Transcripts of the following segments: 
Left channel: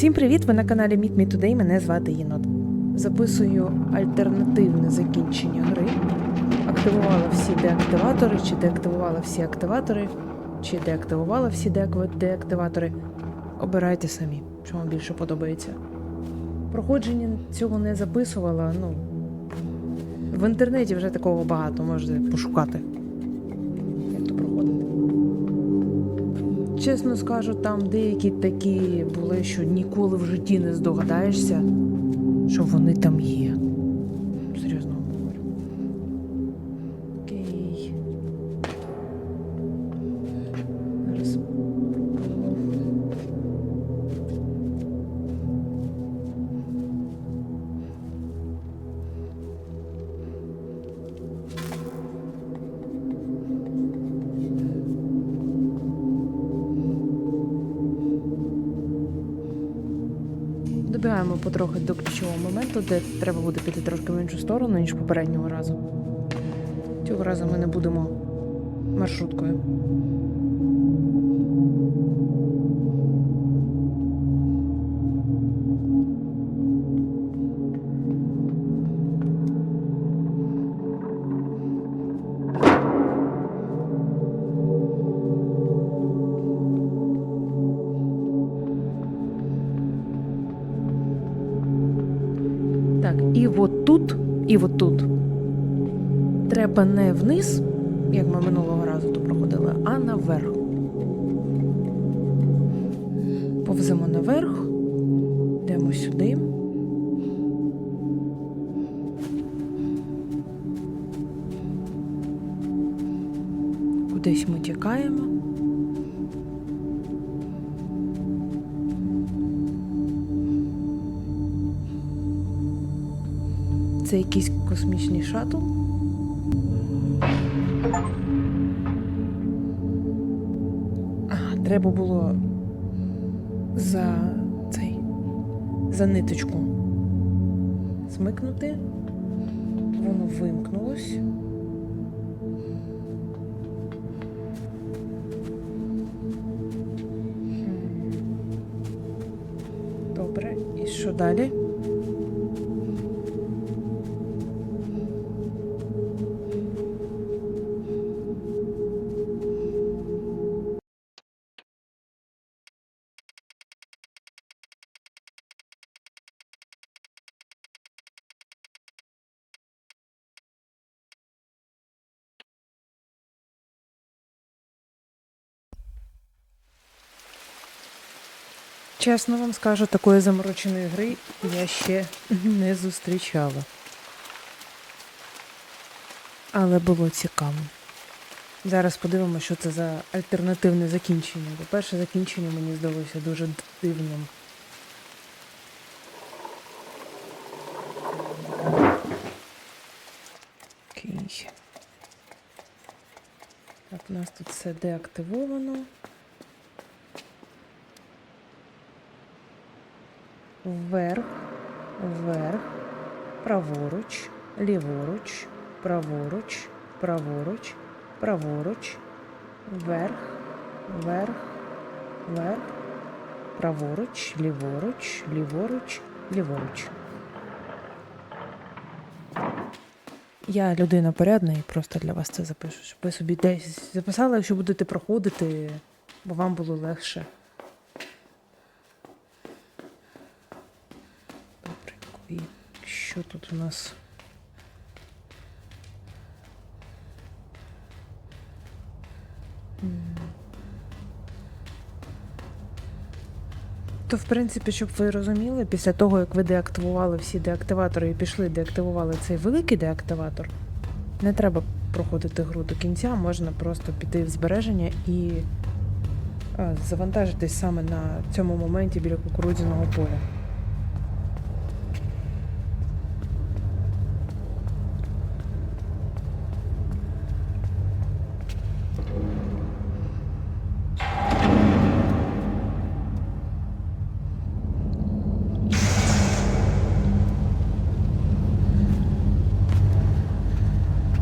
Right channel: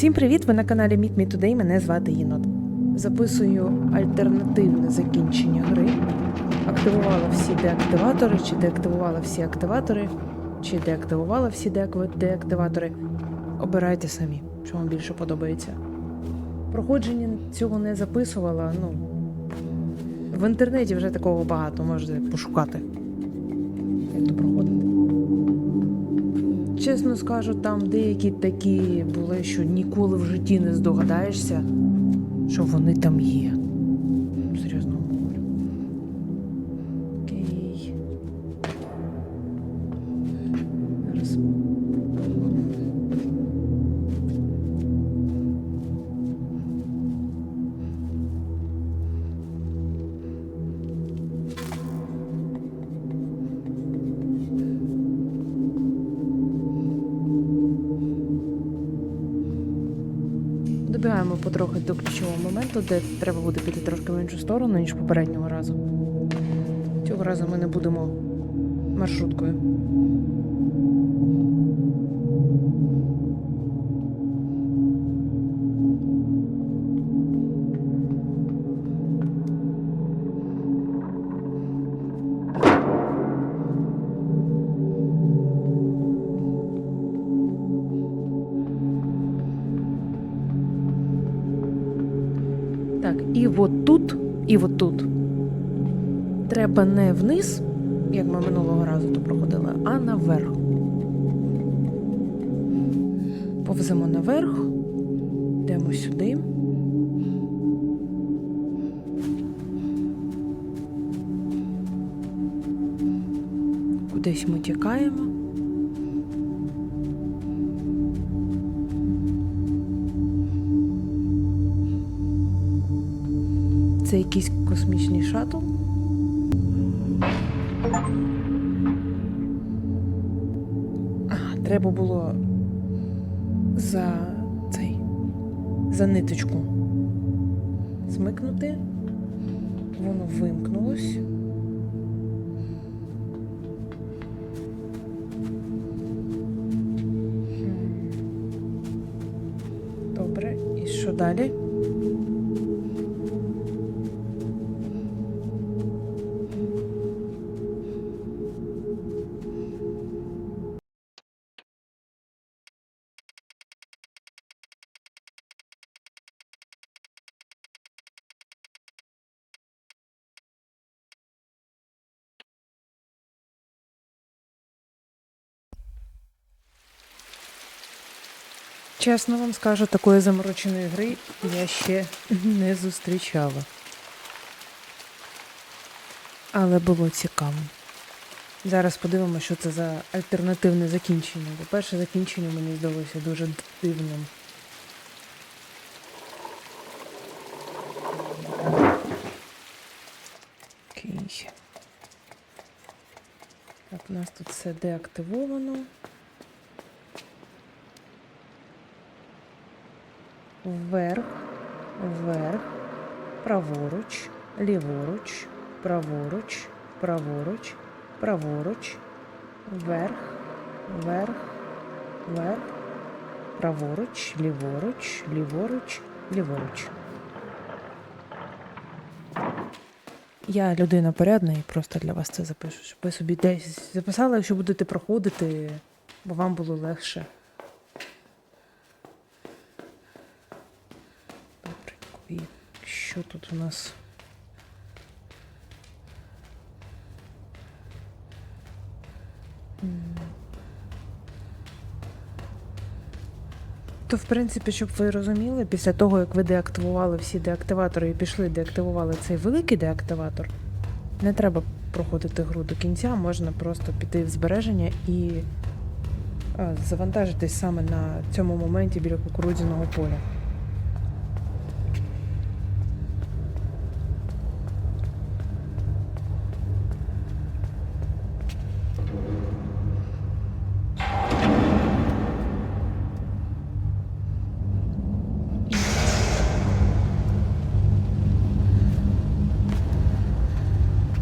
Всім привіт! Ви на каналі Meet Me Today. Мене звати Єнот. Записую альтернативне закінчення гри. Активувала всі деактиватори, чи деактивувала всі активатори, чи деактивувала всі деактиватори. Обирайте самі, що вам більше подобається. Проходження цього не записувала. Ну, в інтернеті вже такого багато, можете пошукати. Чесно скажу, там деякі такі були, що ніколи в житті не здогадаєшся, що вони там є. Добігаємо потрохи до ключового моменту, де треба буде піти трошки в іншу сторону, ніж попереднього разу. Цього разу ми не будемо маршруткою. Так, і от тут, і от тут. Треба не вниз, як ми минулого разу то проходили, а наверх. Повземо наверх, йдемо сюди. Кудись ми тікаємо. Це якийсь космічний шаттл. Ага, треба було за цей за ниточку смикнути. Воно вимкнулось. Добре, і що далі? Чесно вам скажу, такої замороченої гри я ще не зустрічала. Але було цікаво. Зараз подивимося, що це за альтернативне закінчення. Бо перше закінчення мені здалося дуже дивним. Окей. Так, у нас тут все деактивовано. Вверх, вверх, праворуч, ліворуч, праворуч, праворуч, праворуч, вверх, вверх, вверх, праворуч, ліворуч, ліворуч, ліворуч. Я людина порядна і просто для вас це запишу, щоб ви собі десь записали, якщо будете проходити, бо вам було легше. Добренько. І що тут у нас? То, в принципі, щоб ви розуміли, після того, як ви деактивували всі деактиватори і пішли, деактивували цей великий деактиватор, не треба проходити гру до кінця, можна просто піти в збереження і завантажитись саме на цьому моменті біля кукурудзяного поля.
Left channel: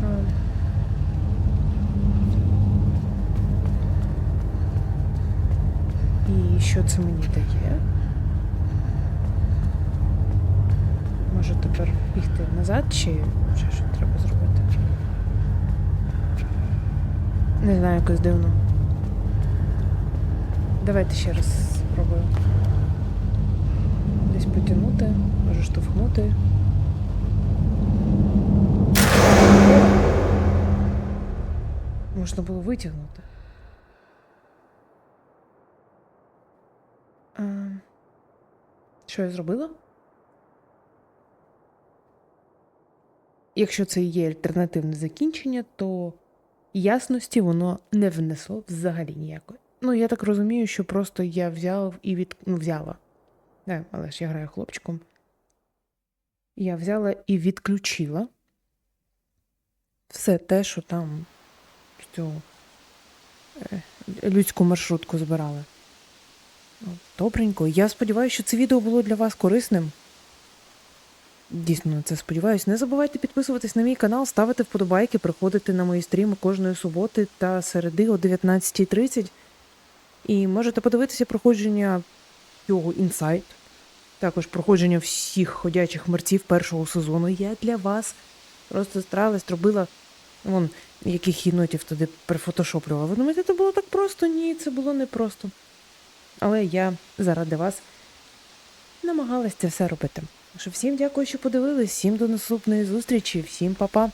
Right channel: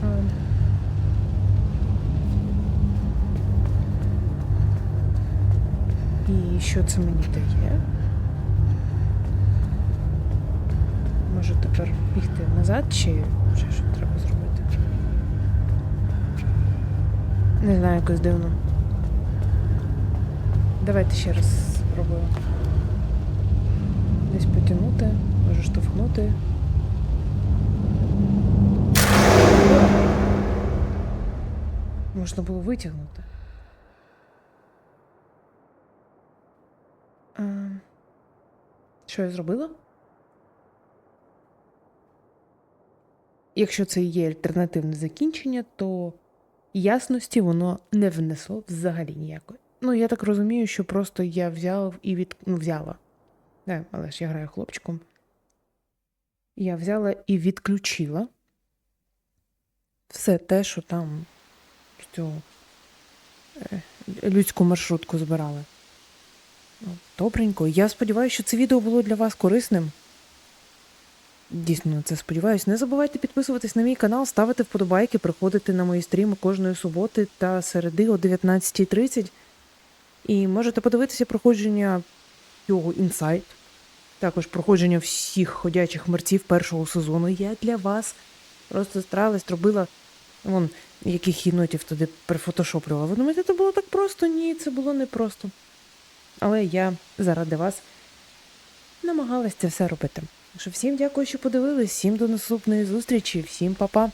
А, І що це мені дає? Може тепер бігти назад, чи ще що треба зробити? Не знаю, якось дивно. Давайте ще раз спробую. Десь потягнути, може штовхнути. Можна було витягнути. Що я зробила? Якщо це є альтернативне закінчення, то ясності воно не внесло взагалі ніякої. Ну, я так розумію, що просто я взяв і від... ну, взяла. Не, але ж я граю хлопчиком. Я взяла і відключила все те, що там цю е, людську маршрутку збирали. Ну, добренько. Я сподіваюся, що це відео було для вас корисним. Дійсно на це сподіваюсь. Не забувайте підписуватись на мій канал, ставити вподобайки, приходити на мої стріми кожної суботи та середи о 19.30. І можете подивитися проходження цього інсайт. Також проходження всіх ходячих мерців першого сезону. Я для вас просто старалась, робила вон яких єнотів туди прифотошоплювала. Ви думаєте, це було так просто? Ні, це було не просто. Але я заради вас намагалась це все робити. Що всім дякую, що подивились, всім до наступної зустрічі, всім па-па.